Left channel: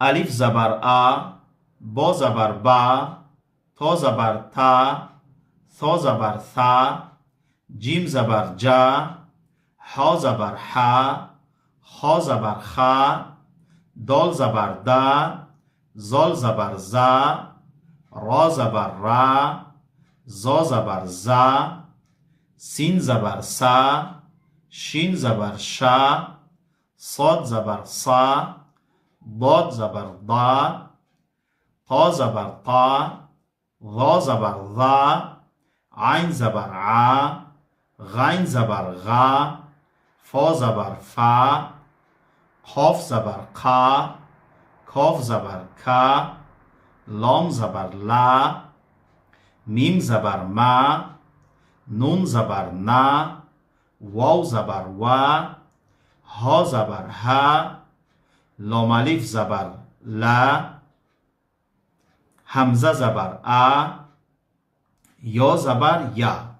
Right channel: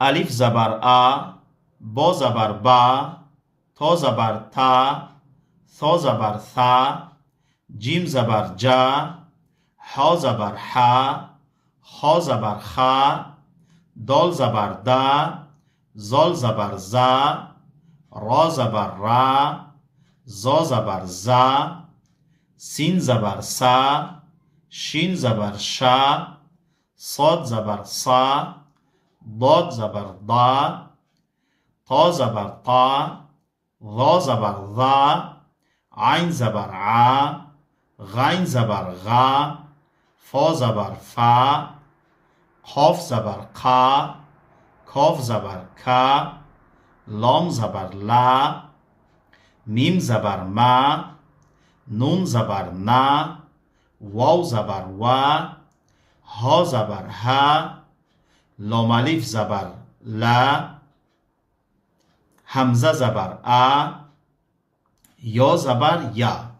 الف زبر ا، با زبر با، تا زبر تا، ثا زبر ثا، جیم زبر جا، ها زبر حا، خا زبر خا، دال زبر دا، زال زبر زا، را زبر را، زا زبر زا، سین زبر سا، شین زبر شا، صاد زبر صا، ضاد زبر ضا، تا زبر طا، ظا زبر ظا، عین زبر عا، غین زبر غا، فا زبر فا، قاف زبر قا، کاف زبر کا، لام زبر لا، میم زبر ما، نون زبر نا، واو زبر وا، ها زبر ها، لام الف زبر لا، همزه زبر ا، یا زبر یا.